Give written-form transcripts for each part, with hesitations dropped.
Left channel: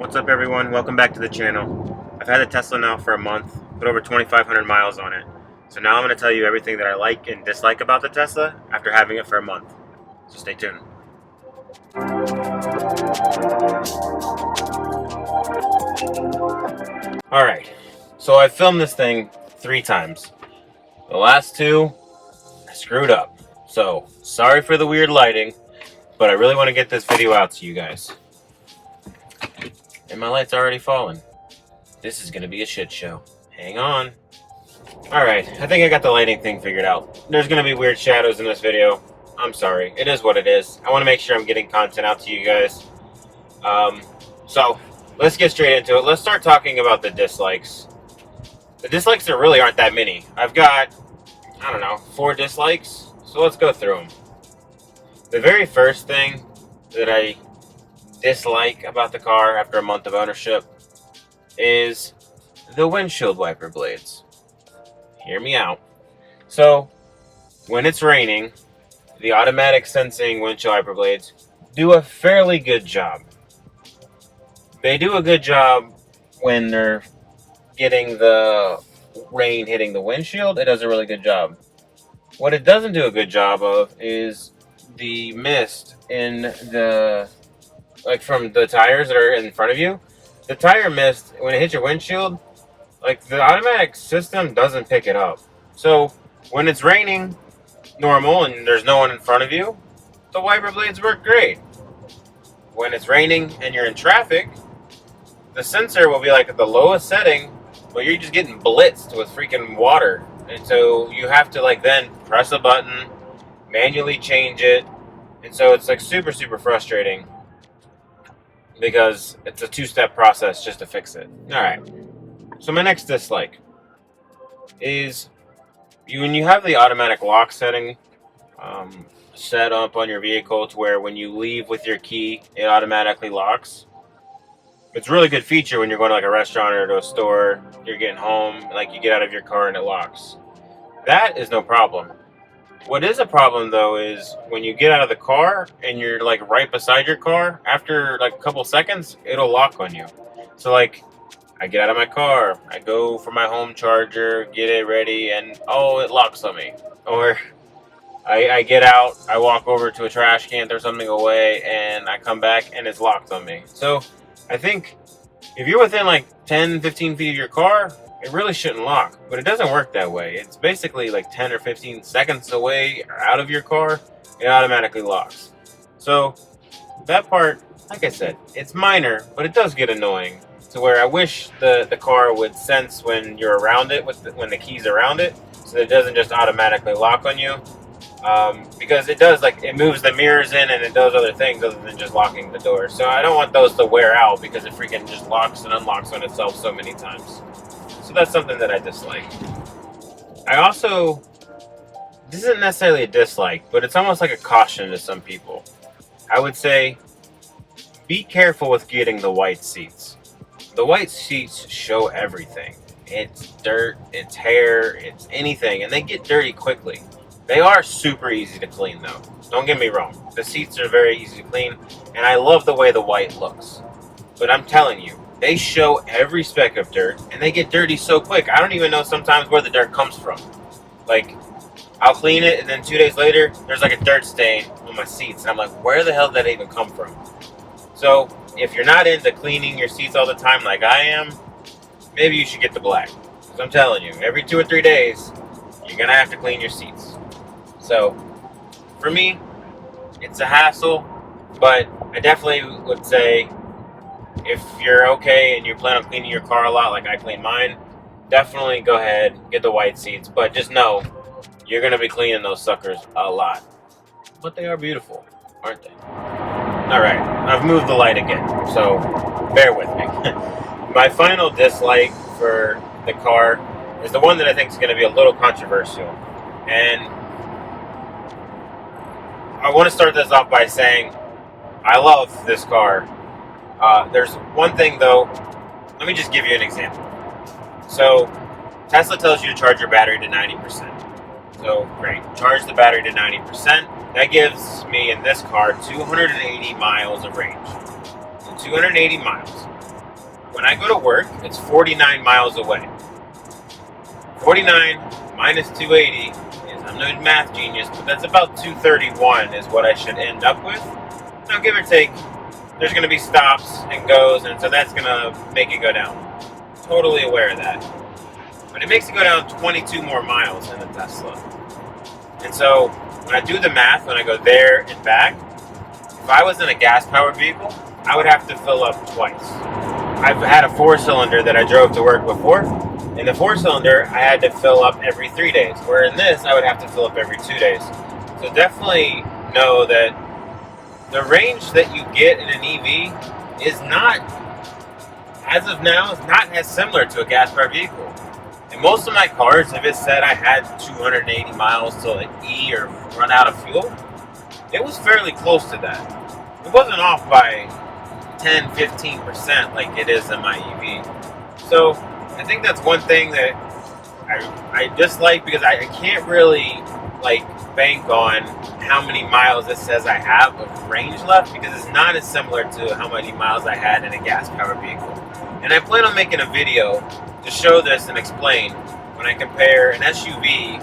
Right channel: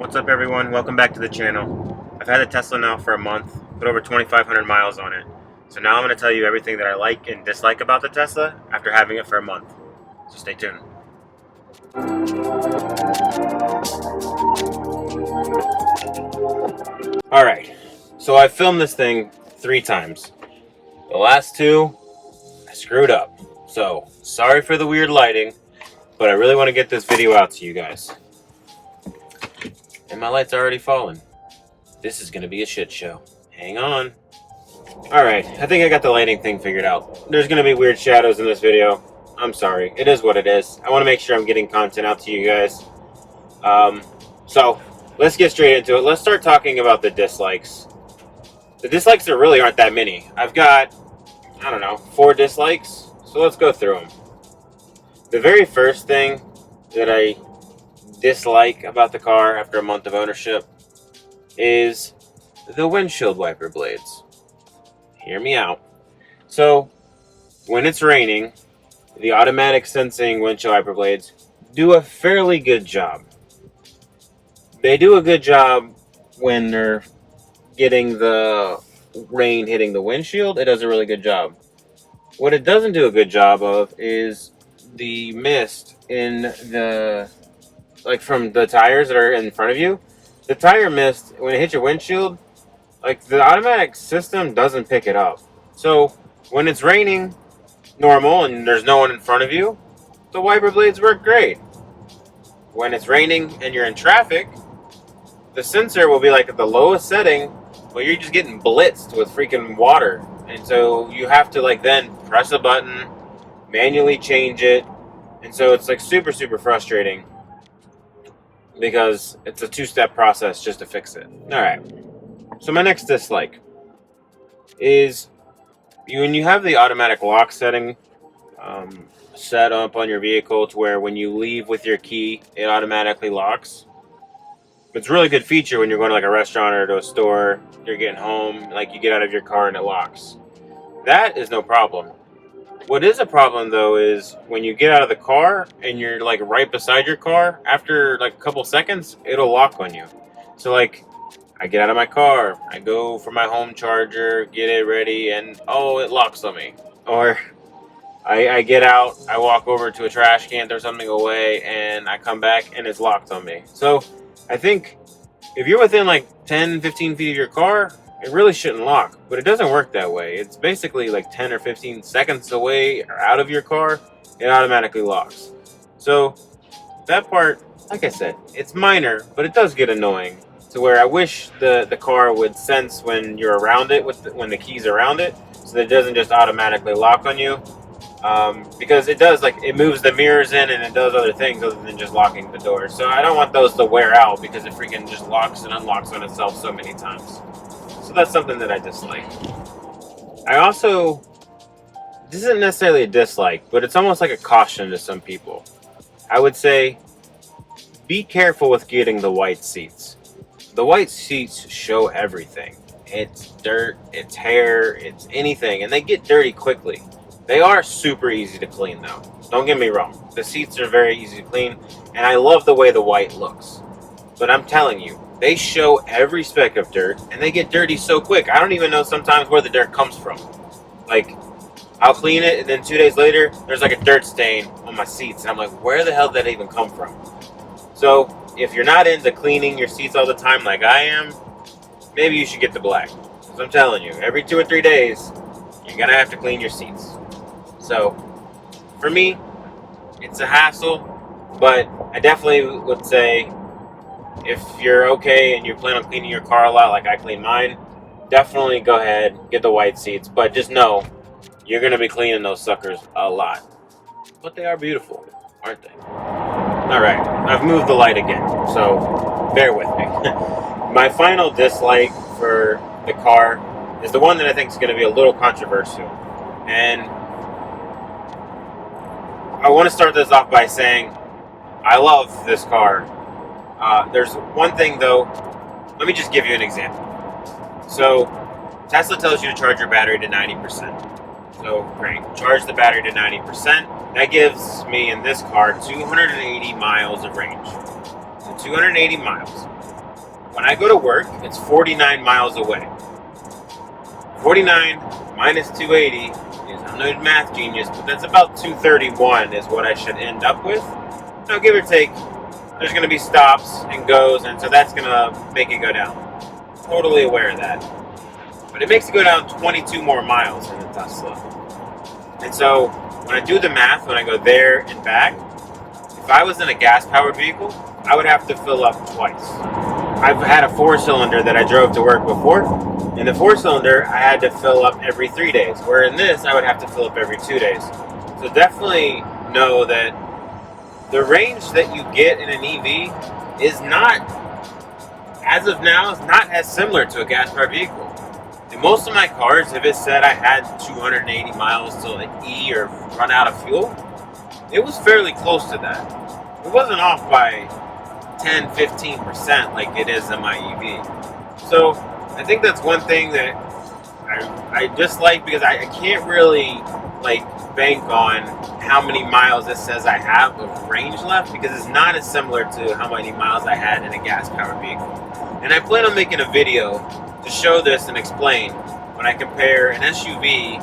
What's up everyone, welcome back to the channel. I've had a Tesla now for a month, put over 2,500 miles on it. So now I'm going to tell you everything that I like and dislike about the Tesla after having it for a month. So stay tuned. Alright, so I filmed this thing 3 times. The last 2, I screwed up. So, sorry for the weird lighting, but I really want to get this video out to you guys. And my light's already fallen. This is going to be a shit show. Hang on. Alright, I think I got the lighting thing figured out. There's going to be weird shadows in this video. I'm sorry. It is what it is. I want to make sure I'm getting content out to you guys. So, let's get straight into it. Let's start talking about the dislikes. The dislikes there really aren't that many. I've got, I don't know, 4 dislikes. So let's go through them. The very first thing that I dislike about the car after a month of ownership is the windshield wiper blades. Hear me out. So, when it's raining, the automatic sensing windshield wiper blades do a fairly good job. They do a good job when they're getting the rain hitting the windshield. It does a really good job. What it doesn't do a good job of is the mist in the, like from the tires that are in front of you. The tire mist, when it hits your windshield, like the automatic system doesn't pick it up. So when it's raining normal and there's no one in front of you, the wiper blades work great. When it's raining and you're in traffic, the sensor will be like at the lowest setting, but you're just getting blitzed with freaking water. And so you have to like then press a button, manually change it. And so it's like super, super frustrating because it's a 2-step process just to fix it. All right. So my next dislike is when you have the automatic lock setting set up on your vehicle to where when you leave with your key, it automatically locks. It's a really good feature when you're going to like a restaurant or to a store, you're getting home, like you get out of your car and it locks. That is no problem. What is a problem though is when you get out of the car and you're like right beside your car, after like a couple seconds, it'll lock on you. So like, I get out of my car, I go for my home charger, get it ready, and oh, it locks on me. Or I get out, I walk over to a trash can, throw something away, and I come back and it's locked on me. So I think if you're within like 10, 15 feet of your car, it really shouldn't lock, but it doesn't work that way. It's basically like 10 or 15 seconds away or out of your car, it automatically locks. So that part, like I said, it's minor, but it does get annoying to where I wish the car would sense when you're around it, when the key's around it, so that it doesn't just automatically lock on you. Because it does, like, it moves the mirrors in and it does other things other than just locking the door. So I don't want those to wear out because it freaking just locks and unlocks on itself so many times. So that's something that I dislike. I also, this isn't necessarily a dislike, but it's almost like a caution to some people. I would say, be careful with getting the white seats. The white seats show everything. It's dirt, it's hair, it's anything, and they get dirty quickly. They are super easy to clean though. Don't get me wrong. The seats are very easy to clean, and I love the way the white looks. But I'm telling you, they show every speck of dirt, and they get dirty so quick. I don't even know sometimes where the dirt comes from. Like, I'll clean it, and then 2 days later, there's like a dirt stain on my seats, and I'm like, where the hell did that even come from? So, if you're not into cleaning your seats all the time like I am, maybe you should get the black. Because I'm telling you, every 2 or 3 days, you're going to have to clean your seats. So, for me, it's a hassle, but I definitely would say if you're okay and you plan on cleaning your car a lot like I clean mine, definitely go ahead, get the white seats, but just know you're going to be cleaning those suckers a lot. But they are beautiful, aren't they? Alright, I've moved the light again, so bear with me. My final dislike for the car is the one that I think is going to be a little controversial. And I want to start this off by saying I love this car. There's one thing though, let me just give you an example. So Tesla tells you to charge your battery to 90%. So great, charge the battery to 90%. That gives me in this car 280 miles of range. So 280 miles. when I go to work, it's 49 miles away. 49 minus 280 is, I'm no math genius, but that's about 231 is what I should end up with. Now, give or take, there's going to be stops and goes, and so that's going to make it go down. Totally aware of that. But it makes it go down 22 more miles in the Tesla. And so when I do the math, when I go there and back, if I was in a gas-powered vehicle, I would have to fill up twice. I've had a 4-cylinder that I drove to work before. In the 4-cylinder, I had to fill up every 3 days, where in this, I would have to fill up every 2 days. So definitely know that the range that you get in an EV is not, as of now, is not as similar to a gas-powered vehicle. In most of my cars, if it said I had 280 miles to like E or run out of fuel, it was fairly close to that. It wasn't off by 10-15% like it is in my EV. So I think that's one thing that I dislike, because I can't really like bank on how many miles it says I have of range left, because it's not as similar to how many miles I had in a gas-powered vehicle. And I plan on making a video to show this and explain when I compare an SUV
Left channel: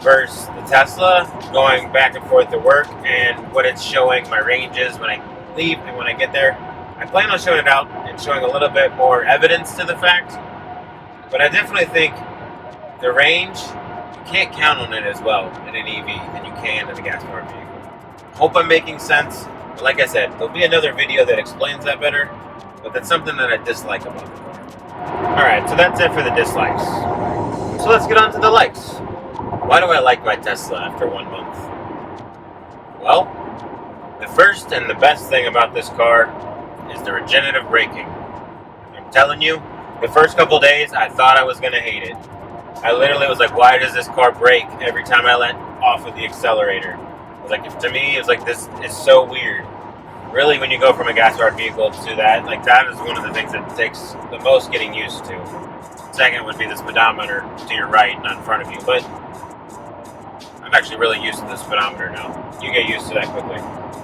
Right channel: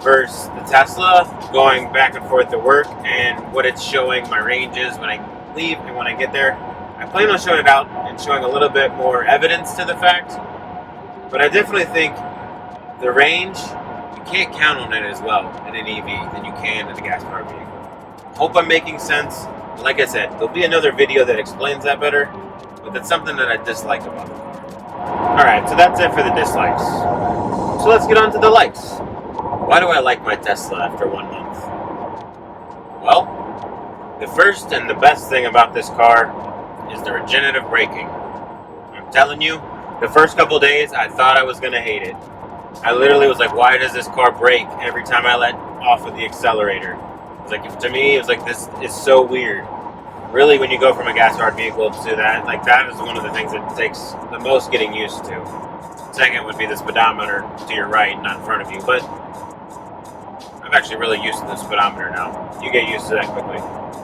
versus the Tesla, going back and forth to work, and what it's showing my ranges when I leave and when I get there. I plan on showing it out and showing a little bit more evidence to the fact, but I definitely think the range, you can't count on it as well in an EV than you can in a gas-powered vehicle. Hope I'm making sense. But like I said, there'll be another video that explains that better, but that's something that I dislike about the car. Alright, so that's it for the dislikes. So let's get on to the likes. Why do I like my Tesla after 1 month? Well, the first and the best thing about this car is the regenerative braking. I'm telling you, the first couple days I thought I was going to hate it. I literally was like, why does this car brake every time I let off of the accelerator? I was like, to me, it was like, this is so weird. Really, when you go from a gas-powered vehicle to that, like that is one of the things that takes the most getting used to. Second would be the speedometer to your right, not in front of you. But I'm actually really used to the speedometer now. You get used to that quickly.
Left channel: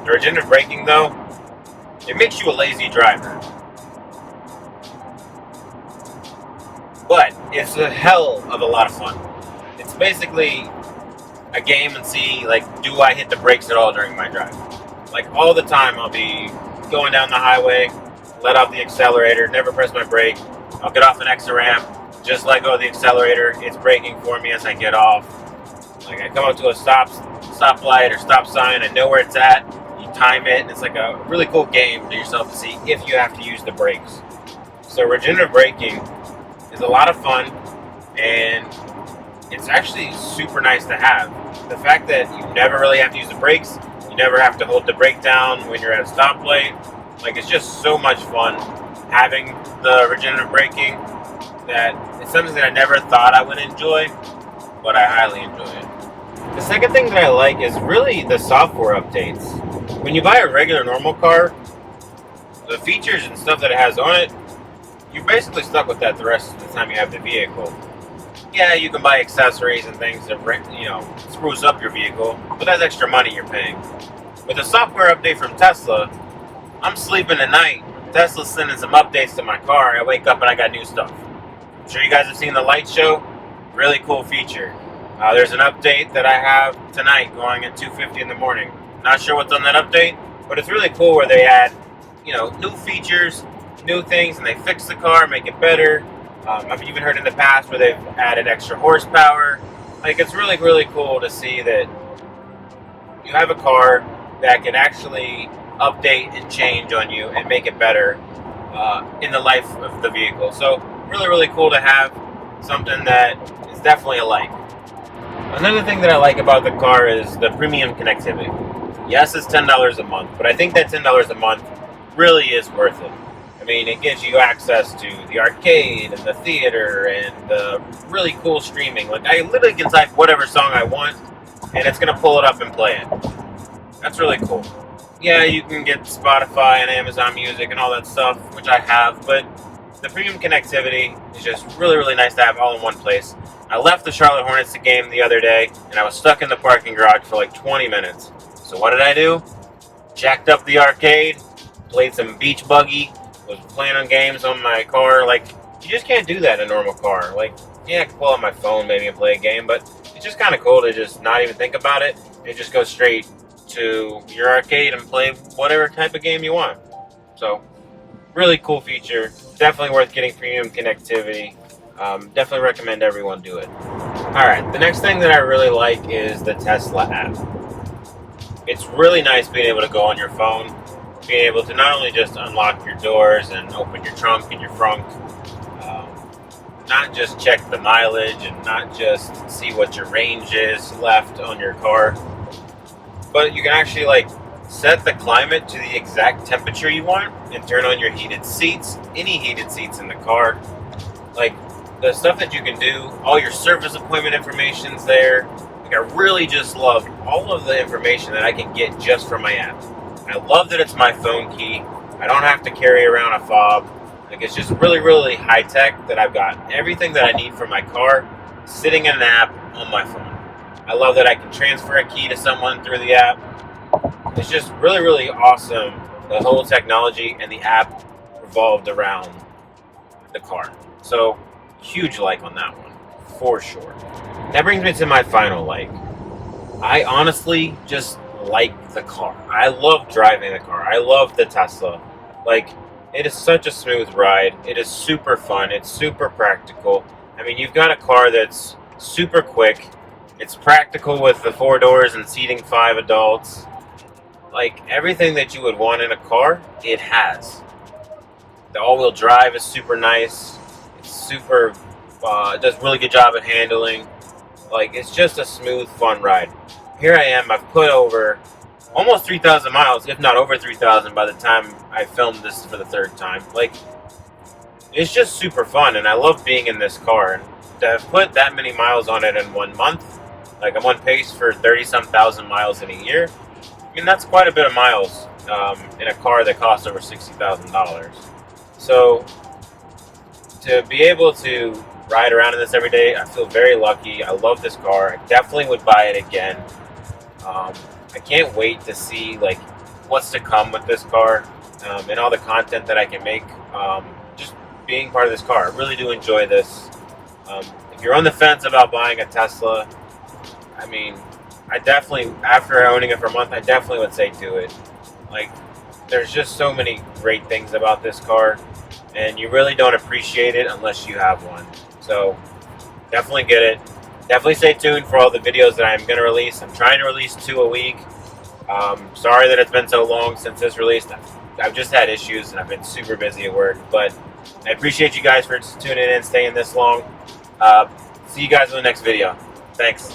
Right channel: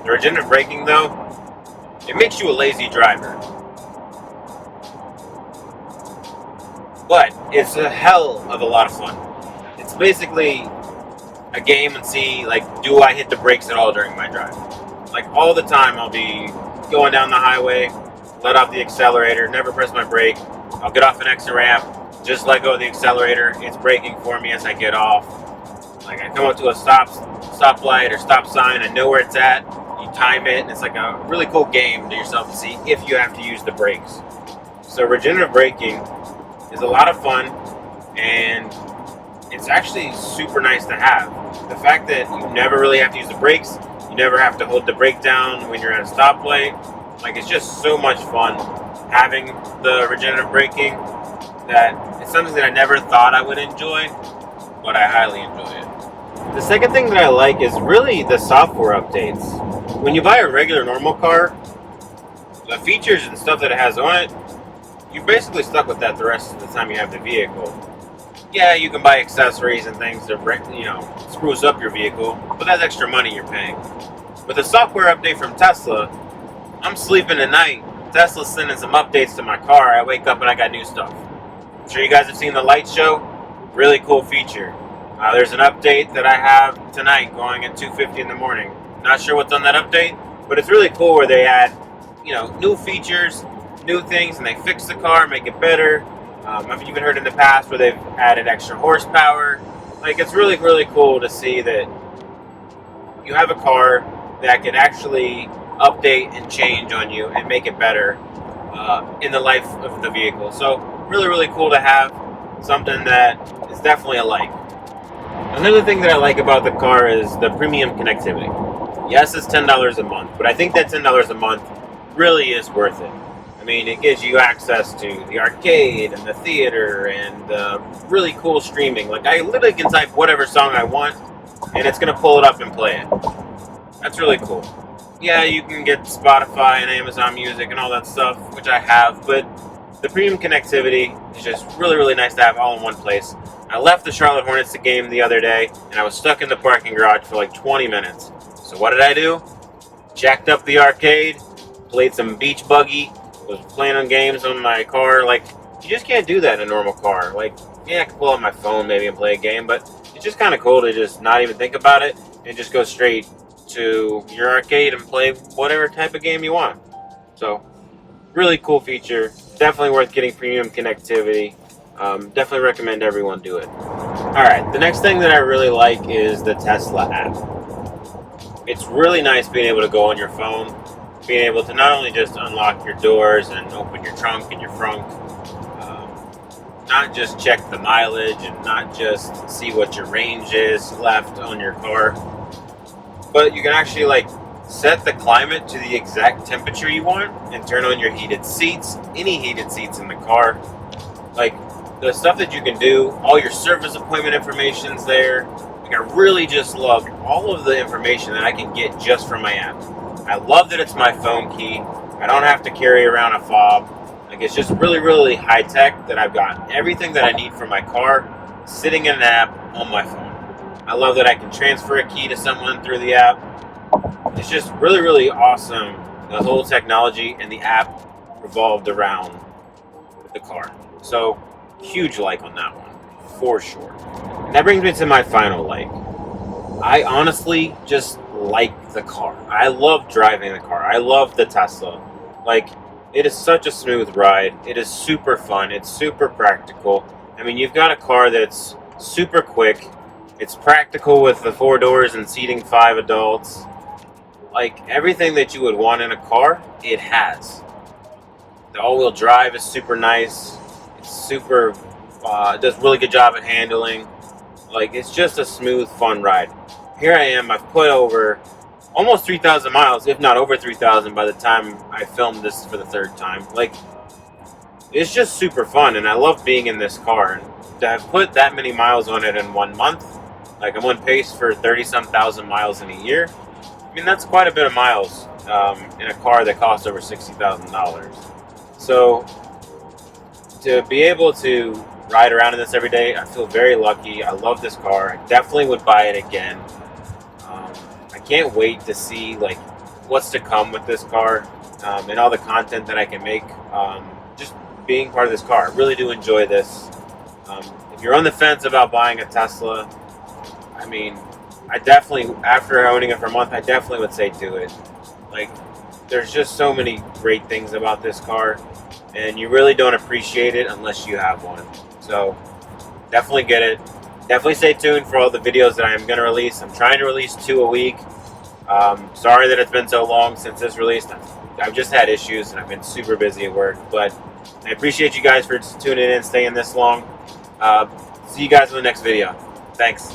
The regenerative braking, though, it makes you a lazy driver. But it's a hell of a lot of fun. It's basically a game and see, like, do I hit the brakes at all during my drive? Like, all the time I'll be going down the highway, let off the accelerator, never press my brake. I'll get off an exit ramp, just let go of the accelerator. It's braking for me as I get off. Like, I come up to a stoplight or stop sign, I know where it's at. You time it, and it's like a really cool game to yourself to see if you have to use the brakes. So regenerative braking is a lot of fun, and it's actually super nice to have. The fact that you never really have to use the brakes, you never have to hold the brake down when you're at a stoplight. Like, it's just so much fun having the regenerative braking that it's something that I never thought I would enjoy, but I highly enjoy it. The second thing that I like is really the software updates. When you buy a regular normal car, the features and stuff that it has on it, you're basically stuck with that the rest of the time you have the vehicle. Yeah, you can buy accessories and things to, spruce up your vehicle, but that's extra money you're paying. With the software update from Tesla, I'm sleeping at night. Tesla's sending some updates to my car. I wake up and I got new stuff. I'm sure you guys have seen the light show. Really cool feature. There's an update that I have tonight going at 2:50 in the morning. Not sure what's on that update, but it's really cool where they add, new features, new things, and they fix the car, make it better. I've even heard in the past where they've added extra horsepower. Like, it's really, really cool to see that you have a car that can actually update and change on you and make it better in the life of the vehicle. So really, really cool to have something that is definitely a like. Another thing that I like about the car is the premium connectivity. Yes, it's $10 a month, but I think that $10 a month really is worth it. I mean, it gives you access to the arcade and the theater and the really cool streaming. Like, I literally can type whatever song I want, and it's going to pull it up and play it. That's really cool. Yeah, you can get Spotify and Amazon Music and all that stuff, which I have, but the premium connectivity is just really, really nice to have all in one place. I left the Charlotte Hornets game the other day, and I was stuck in the parking garage for like 20 minutes. So what did I do? Jacked up the arcade, played some Beach Buggy, was playing on games on my car. Like, you just can't do that in a normal car. Like, yeah, I can pull out my phone maybe and play a game, but it's just kind of cool to just not even think about it and just go straight to your arcade and play whatever type of game you want. So, really cool feature. Definitely worth getting premium connectivity. Definitely recommend everyone do it. Alright, the next thing that I really like is the Tesla app. It's really nice being able to go on your phone, being able to not only just unlock your doors and open your trunk and your frunk, not just check the mileage and not just see what your range is left on your car, but you can actually like set the climate to the exact temperature you want and turn on your heated seats, any heated seats in the car. Like the stuff that you can do, all your service appointment information's there. Like I really just love all of the information that I can get just from my app. I love that it's my phone key. I don't have to carry around a fob. Like it's just really, really high tech that I've got everything that I need for my car sitting in an app on my phone. I love that I can transfer a key to someone through the app. It's just really, really awesome. The whole technology and the app revolved around the car. So, huge like on that one, for sure. That brings me to my final like. I honestly just like the car. I love driving the car. I love the Tesla. Like, it is such a smooth ride. It is super fun. It's super practical. I mean, you've got a car that's super quick. It's practical with the 4 doors and seating 5 adults. Like, everything that you would want in a car, it has. The all-wheel drive is super nice. It's super, it does a really good job at handling. Like, it's just a smooth, fun ride. Here I am, I've put over almost 3,000 miles, if not over 3,000 by the time I filmed this for the 3rd time. Like, it's just super fun, and I love being in this car. And to have put that many miles on it in 1 month, like I'm on pace for 30-some thousand miles in a year. I mean, that's quite a bit of miles in a car that costs over $60,000. So, to be able to ride around in this every day, I feel very lucky. I love this car. I definitely would buy it again. I can't wait to see like what's to come with this car and all the content that I can make. Just being part of this car, I really do enjoy this. If you're on the fence about buying a Tesla, I mean, I definitely, after owning it for a month, I definitely would say do it. Like, there's just so many great things about this car, and you really don't appreciate it unless you have one. So, definitely get it. Definitely stay tuned for all the videos that I'm going to release. I'm trying to release 2 a week. Sorry that it's been so long since this released. I've just had issues, and I've been super busy at work, but I appreciate you guys for tuning in, staying this long. See you guys in the next video. Thanks.